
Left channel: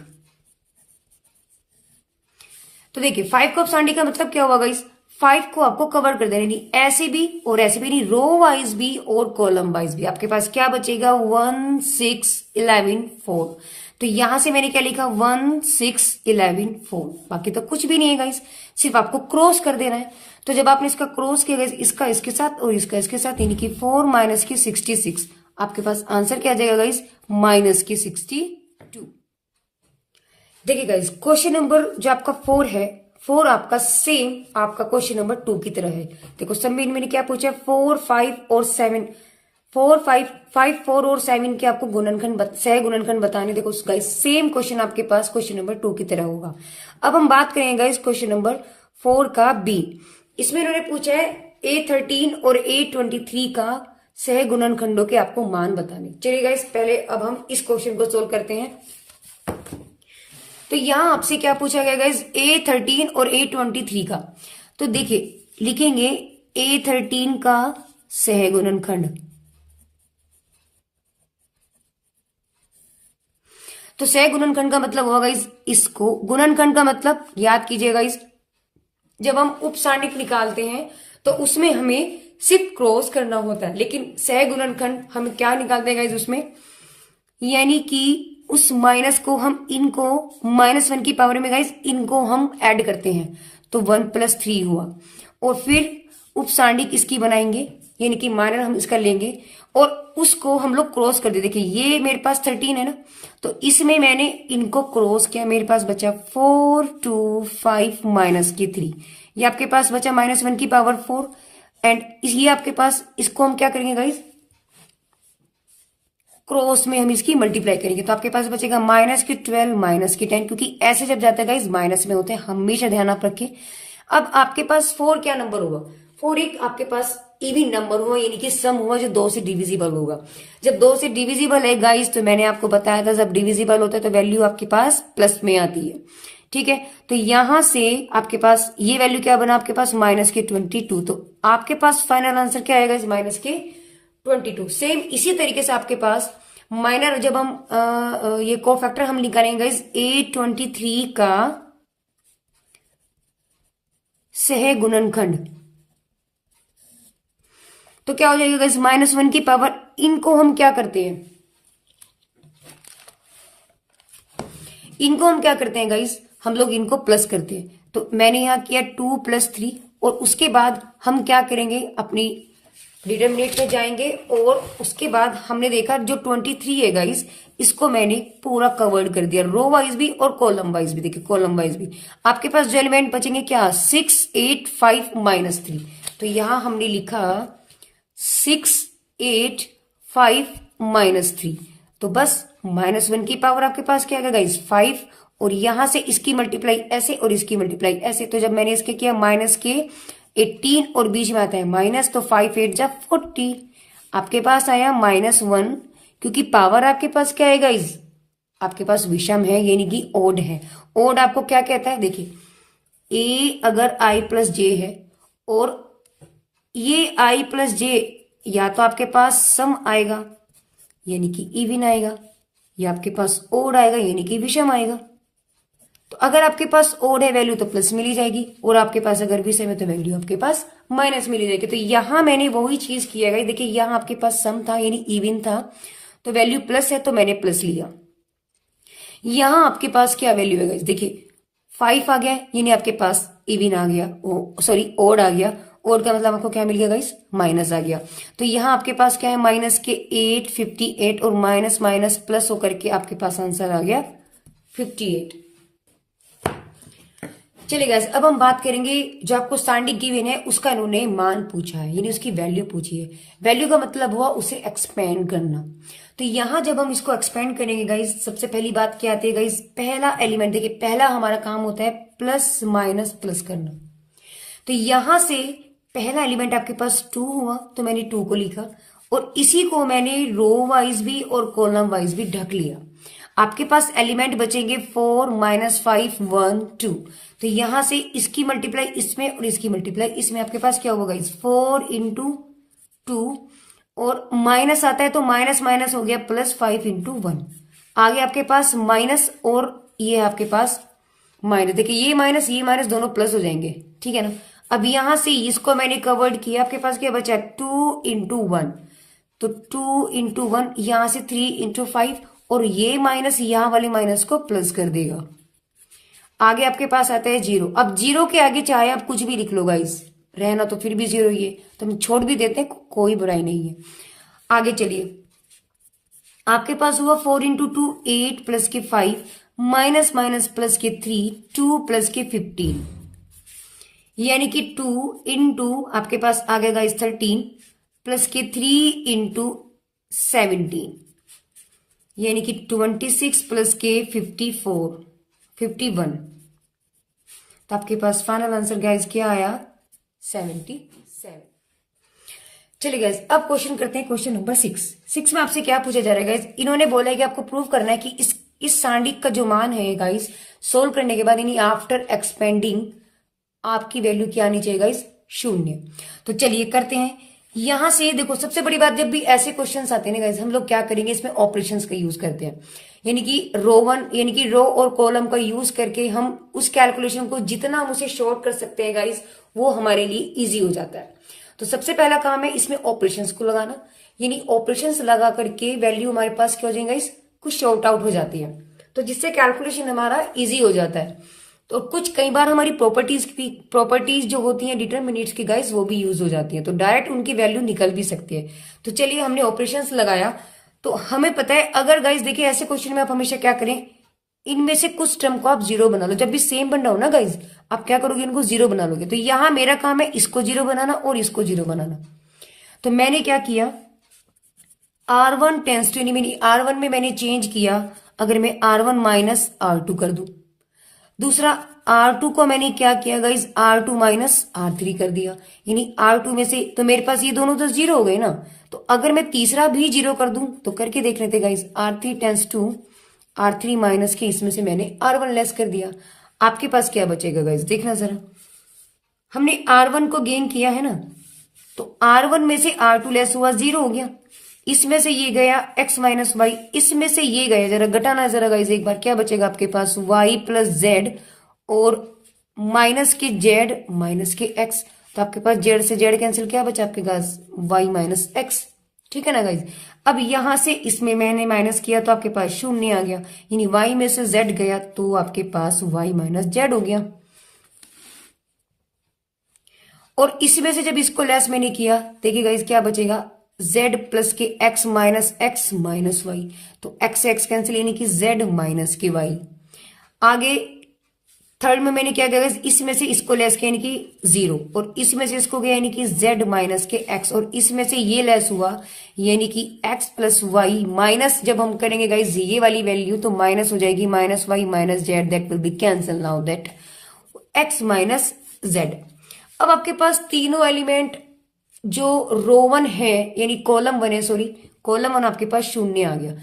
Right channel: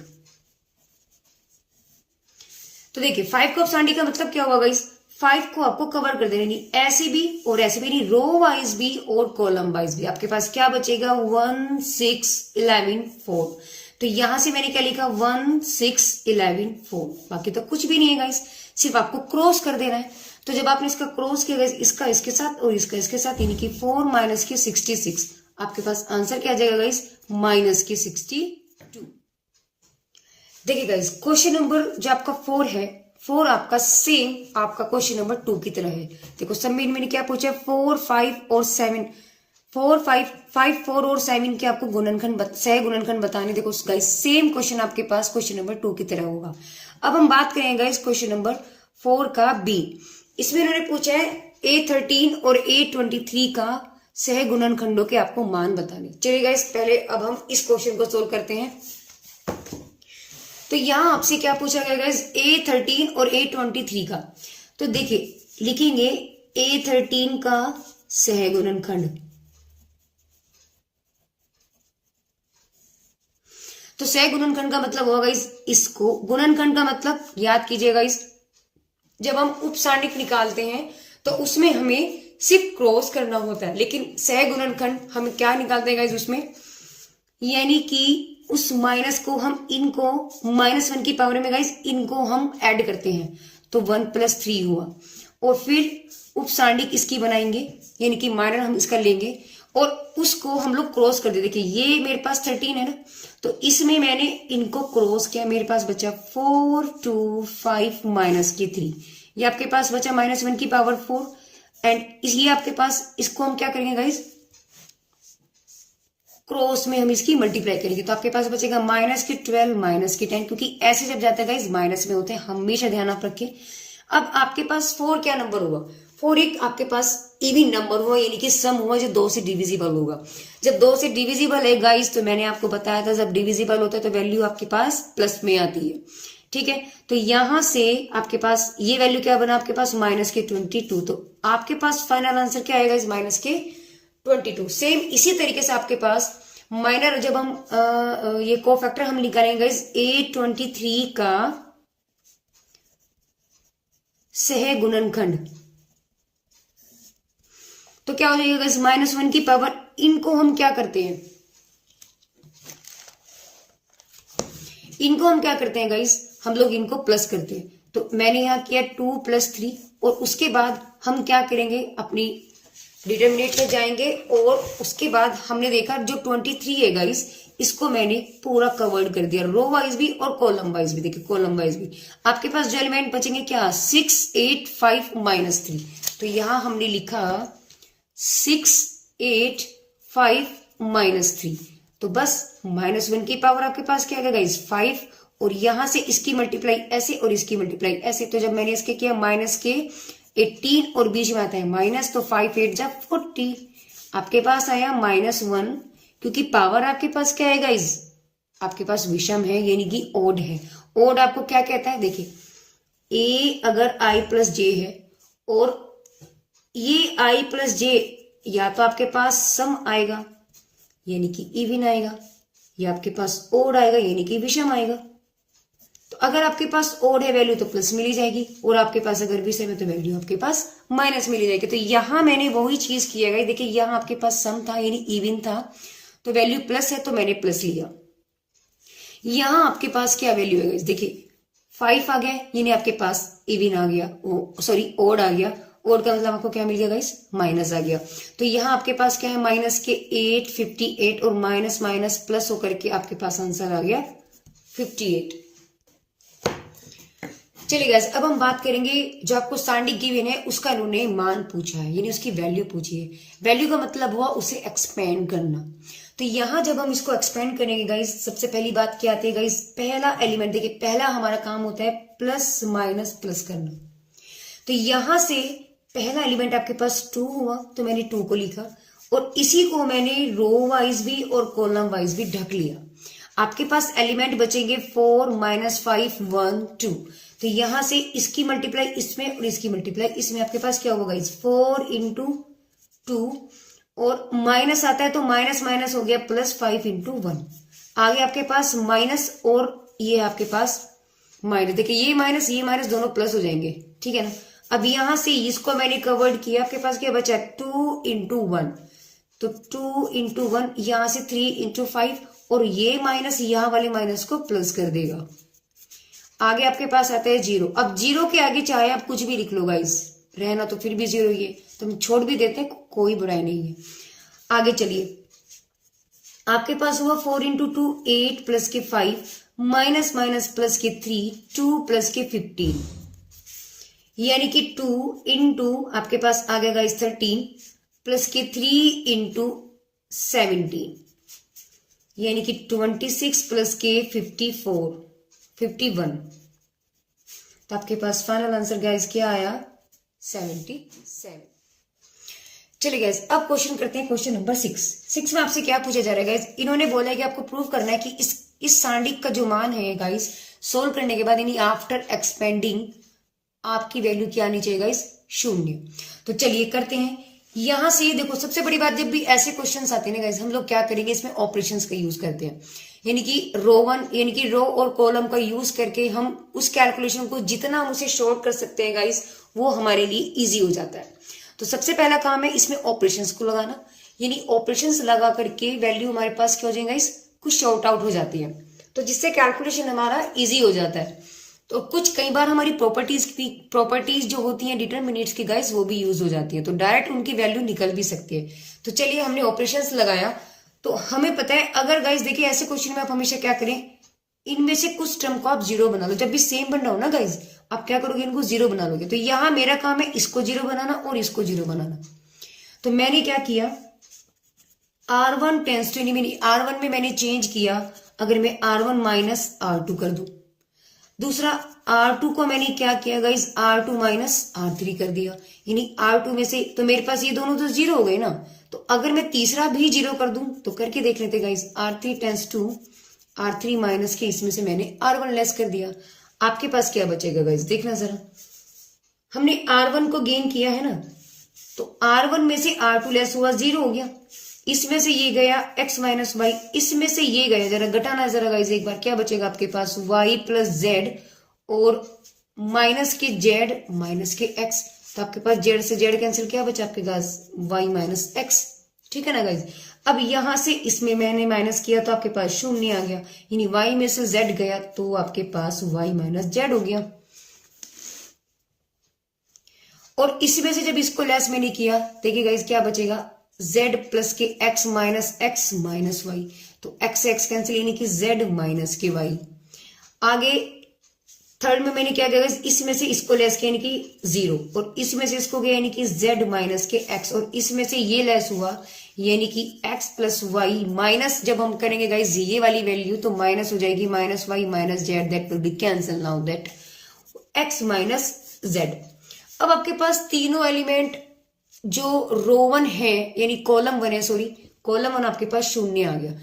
तो देखिए 5 का उपसारणिक का मतलब क्या हुआ गाइस, 5 को आपको कवर कर देना, ऐसे भी और ऐसे भी, रो वाइज भी और कॉलम वाइज भी। आपके पास क्या बचेगा 1, 6, 11, 4। तो यहां से मैंने क्या लिखा 1, 6, 11, 4। बाकी तो कुछ भी नहीं है गाइस, सिर्फ आपको क्रॉस कर देना है। तो जब आपने इसका क्रॉस किया गाइस, इसका इसके साथ और इसका इसके साथ, यानी कि 4 माइनस की 66, आपके पास आंसर क्या आ जाएगा गाइस माइनस की 62। देखिए गाइस क्वेश्चन नंबर जो आपका 4 है, 4 आपका सेम आपका क्वेश्चन नंबर 2 की तरह है। देखो सब में मैंने क्या पूछा 4, 5 और 7, 4, 5, 5, 4 और 7 के आपको गुणनखंड सह गुणनखंड बताने। देखो गाइस सेम क्वेश्चन आपके पास क्वेश्चन नंबर 2 की तरह होगा। अब हम बात करेंगे गाइस क्वेश्चन नंबर 4 का बी। इसमें उन्होंने पूछा है A13 और A23 का सह गुणनखंडों के आपको मान बताने। चलिए गाइस पहले अब हम इस क्वेश्चन को सोल्व करते हैं। तो यहां आपसे क्या पूछा गया गाइस A13 और A23 का। तो देखिए लिखेंगे A13 का सह गुणनखंड। तो सह गुणनखंड का मतलब होगा गाइस इसको, गुणनखंड का मतलब याद कीजिएगा गाइस, जब हम उपसारणिक निकालते हैं तो उसमें हमें सिर्फ क्रॉस करना होता है, लेकिन सह गुणनखंड हम क्या निकालते हैं गाइस उसमें, यानी कि उस माइनस को हम इनको -1 की पावर में गाइस इनको हम ऐड करते हैं। तो 1 + 3 हुआ और फिर उपसारणिक इसकी बनाएंगे, यानी कि माइनर हम इसका लेंगे और उसको हम लोग क्रॉस कर देते। देखिए ये मेरे पास 13 है ना, तो इसमें मैंने इनको क्रॉस किया, मेरे पास बचा 4, 2, 5 माइनस की 3। ये आपके पास बचा -1 की पावर 4 एंड ये आपके पास, इसको हम क्या करेंगे गाइस क्रॉस में हम इसकी मल्टीप्लाई करेंगे। तो आपके पास बचेगा -12 -10, क्योंकि ऐसे जब जाता है गाइस माइनस में होते हैं, हमेशा ध्यान आप रखें। अब आपके पास 4 क्या नंबर होगा, 4 एक आपके पास इवन नंबर हुआ, यानी कि सम हुआ जो 2 से डिविजिबल होगा। जब 2 से डिविजिबल है गाइस, तो मैंने आपको बताया था जब डिविजिबल होता है तो वैल्यू आपके पास प्लस में आती है, ठीक है। तो यहां से आपके पास ये वैल्यू क्या बना आपके पास -22। तो आपके पास फाइनल आंसर क्या आएगा इस -22। सेम इसी तरीके से आपके पास माइनर, जब हम ये कोफैक्टर हम निकालेंगे गाइस A23 का सह गुणनखंड, तो क्या हो जाएगा गाइस -1 की पावर, इनको हम क्या करते हैं, इनको हम क्या करते हैं गाइस, हम लोग इनको प्लस करते हैं। तो मैंने यहां किया 2 + 3 और उसके बाद हम क्या करेंगे अपनी डिटरमिनेंट को जाएंगे और उसके बाद हमने देखा जो 23 है गाइस इसको मैंने पूरा कवर्ड कर दिया, रो वाइज भी और कॉलम वाइज भी। देखिए कॉलम वाइज भी आपके पास जो एलिमेंट बचेंगे क्या 6, 8, 5 -3। तो यहां हमने लिखा 6, 8, 5 -3। तो बस -1 की पावर आपके पास क्या है गाइस 5 और यहां से इसकी मल्टीप्लाई ऐसे और इसकी मल्टीप्लाई ऐसे। तो जब मैंने इसके किया -18 और बीच में आता है माइनस, तो 5 8 जा 40, आपके पास आया -1, क्योंकि पावर आपके पास क्या है गाइस आपके पास विषम है, यानी कि ओड है। ओड आपको क्या कहता है, देखिए a अगर i + j है और ये i + j या तो आपके पास सम आएगा यानी कि इवन आएगा, या आपके पास ओड आएगा यानी कि विषम आएगा। तो अगर आपके पास ओड है वैल्यू तो प्लस मिली जाएगी और आपके पास अगर विषम है तो वैल्यू आपके पास माइनस में ले जाएगी। तो यहाँ मैंने वही चीज किया है, देखिए यहाँ आपके पास सम था यानी इवन था, तो वैल्यू प्लस है तो मैंने प्लस लिया। यहाँ आपके पास क्या वैल्यू है गाइस, देखिए 5 आ गया यानी आपके पास इवन आ गया, सॉरी ओड आ गया। ओड का मतलब आपको क्या मिल गया गाइस, माइनस आ गया। तो यहाँ आपके पास क्या है, माइनस के 8 58 और माइनस माइनस प्लस होकर के आपके पास आंसर आ गया 58। चलिए गाइस अब हम बात करेंगे जो आपको स्टैंडिंग गिवन है उसका इन्होंने मान पूछा है यानी उसकी वैल्यू पूछी है। वैल्यू का मतलब हुआ उसे एक्सपेंड करना। तो यहां जब हम इसको एक्सपेंड करेंगे गाइस, सबसे पहली बात क्या आती है गाइस, पहला एलिमेंट देखिए, पहला हमारा काम होता है प्लस माइनस प्लस करना। तो यहां से पहला एलिमेंट आपके पास 2 हुआ तो मैंने 2 को लिखा और इसी को मैंने रो वाइज भी और कॉलम वाइज भी ढक लिया। आपके पास एलिमेंट बचेंगे 4 माइनस 5 1 2। तो यहां से इसकी मल्टीप्लाई इसमें और इसकी मल्टीप्लाई इसमें आपके पास क्या होगा गाइस, 4 इंटू 2 और माइनस आता है तो माइनस माइनस हो गया प्लस 5 इंटू 1। आगे आपके पास माइनस और ये आपके पास माइनस, देखिए ये माइनस दोनों प्लस हो जाएंगे, ठीक है ना। अब यहां से इसको मैंने कवर्ड किया, आपके पास क्या बचा 2 इंटू 1, तो 2 इंटू 1 यहां से 3 इंटू 5 और ये माइनस यहां वाले माइनस को प्लस कर देगा। आगे आपके पास आता है 0। अब 0 के आगे चाहे आप कुछ भी लिख लो गाइस, रहना तो फिर भी 0 ही है, तो हम छोड़ भी देते हैं, कोई बुराई नहीं है। आगे चलिए, आपके पास हुआ 4 इंटू 2 8 प्लस के 5 माइनस माइनस प्लस के 3 2 प्लस के 15 यानी कि 2 इंटू आपके पास आ गया गाइस 13 प्लस के 3 इंटू 17 यानी कि 26 प्लस के 51। तो आपके पास फाइनल आंसर गाइस क्या आया, 77। चलिए गाइस अब क्वेश्चन करते हैं, क्वेश्चन नंबर 6 में आपसे क्या पूछा जा रहा है गाइस, इन्होंने बोला है कि आपको प्रूव करना है कि इस सांडिक का जो मान है गाइस सोल्व करने के बाद यानी आफ्टर एक्सपेंडिंग आपकी वैल्यू क्या आनी चाहिए गाइस, 0। तो चलिए करते हैं। यहां से देखो सबसे बड़ी बात, जब भी ऐसे क्वेश्चंस आते हैं ना गाइस, हम लोग क्या करेंगे, इसमें ऑपरेशंस का यूज करते हैं, यानी कि रो और कॉलम का यूज करके हम उस कैलकुलेशन को जितना हम उसे शॉर्ट कर सकते हैं गाइस, वो हमारे लिए इजी हो जाता है। तो सबसे पहला काम है इसमें ऑपरेशंस को लगाना, यानी ऑपरेशंस लगा करके वैल्यू हमारे पास क्या हो जाएगा गाइस, कुछ शॉर्ट आउट हो जाती है, तो जिससे कैलकुलेशन हमारा इजी हो जाता है। तो कुछ कई बार हमारी प्रॉपर्टीज जो होती हैं डिटरमिनेट्स की गाइस, वो भी यूज हो जाती है, तो डायरेक्ट उनकी वैल्यू निकल भी सकती है। तो चलिए हमने ऑपरेशंस लगाया, तो हमें पता है अगर गाइस देखिए ऐसे क्वेश्चन में आप हमेशा क्या करें, इनमें से कुछ टर्म को आप 0 बना लो। जब भी सेम बनना हो ना गाइस, आप क्या करोगे, इनको 0 बना लोगे। तो यहां मेरा काम है इसको 0 बनाना और इसको 0 बनाना। तो मैंने क्या किया, R1 टेंस टू यानी R1 में मैंने चेंज किया, अगर मैं R1 माइनस R2 कर दूं। दूसरा R2 को मैंने क्या किया गाइस, R2 माइनस R3 कर दिया, यानी R2 में से तो मेरे पास ये दोनों तो 0 हो गए ना। तो अगर मैं तीसरा भी 0 कर दूं तो करके देख लेते guys, R3 tense to R3 minus के इसमें से मैंने R1 लेस कर दिया। आपके पास क्या बचेगा गाइस, देखना जरा, हमने R1 को गेन किया है ना, तो R1 में से R2 लेस हुआ, 0 हो गया। इसमें से ये गया x माइनस वाई, इसमें से ये गया, जरा घटाना जरा गाइस एक बार, क्या बचेगा आपके पास, y प्लस जेड और माइनस के जेड माइनस के x। तो आपके पास जेड से जेड कैंसिल, क्या बचा आपके पास y माइनस एक्स, ठीक है ना गाइस। अब यहां से इसमें मैंने माइनस किया तो आपके पास 0 आ गया, यानी y में से z गया तो आपके पास y माइनस जेड हो गया। और इसमें से जब इसको लेस मैंने किया, देखिए गाइस क्या बचेगा, z प्लस के x माइनस वाई, तो x से x कैंसिल यानी कि z माइनस के y। आगे थर्ड में मैंने क्या किया, इसमें से इसको लेस किया यानी कि 0 और इसमें से इसको गया यानी कि z माइनस के x और इसमें से ये लेस हुआ यानी कि x प्लस वाई माइनस, जब हम करेंगे गाइस ये वाली वैल्यू तो माइनस हो जाएगी, minus Y minus Z, that will be cancel now that x minus Z. अब आपके पास तीनों एलिमेंट जो रो 1 है यानी कॉलम 1 है, सॉरी कॉलम 1 आपके पास 0 आ गया।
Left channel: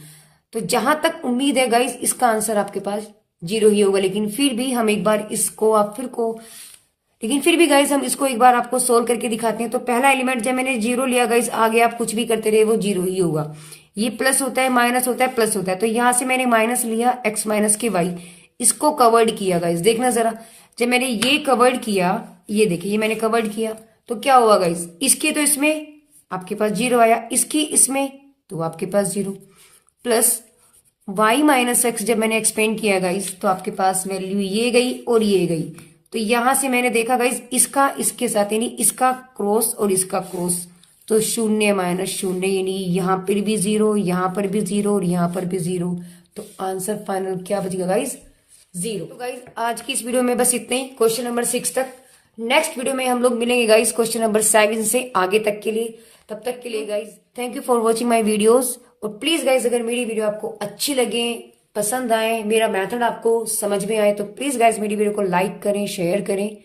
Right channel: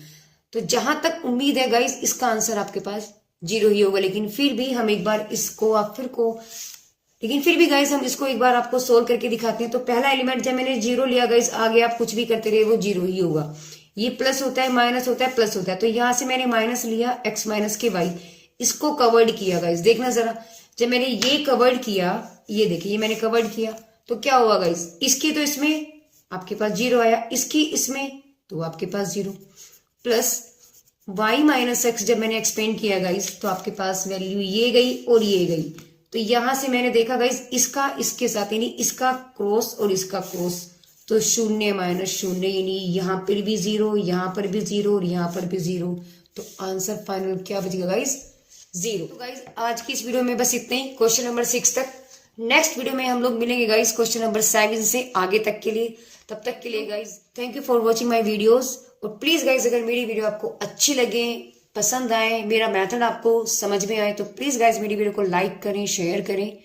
तो जहां तक उम्मीद है गाइस इसका आंसर आपके पास 0 ही होगा, लेकिन फिर भी हम एक बार इसको लेकिन फिर भी गाइस हम इसको एक बार आपको सोल्व करके दिखाते हैं। तो पहला एलिमेंट जब मैंने 0 लिया गाइस, आगे आप कुछ भी करते रहे वो 0 ही होगा। ये प्लस होता है, माइनस होता है, प्लस होता है, तो यहां से मैंने माइनस लिया x माइनस के y, इसको कवर्ड किया गाइस। देखना जरा, जब मैंने ये कवर्ड किया, ये देखिए ये मैंने कवर्ड किया तो क्या हुआ गाइस, इसकी तो इसमें आपके पास 0 आया, इसकी इसमें तो आपके पास 0, प्लस y माइनस एक्स जब मैंने एक्सपेंड किया गाइस तो आपके पास वैल्यू ये गई और ये गई। तो यहां से मैंने देखा गाइस इसका इसके साथ यानी इसका क्रॉस और इसका क्रॉस, तो 0 माइनस 0 यानी यहां पर भी 0, यहां पर भी 0 और यहां पर भी 0। तो आंसर फाइनल क्या बचेगा गाइस, 0। तो गाइस आज की इस वीडियो में बस इतना ही, क्वेश्चन नंबर 6 तक। नेक्स्ट वीडियो में हम लोग मिलेंगे गाइस क्वेश्चन नंबर 7 से आगे तक के लिए। तब तक के लिए guys thank you for watching my videos. और प्लीज गाइस अगर मेरी वीडियो आपको अच्छी लगे, पसंद आए, मेरा मेथड आपको समझ में आए, तो प्लीज गाइस मेरी वीडियो को लाइक करें, शेयर करें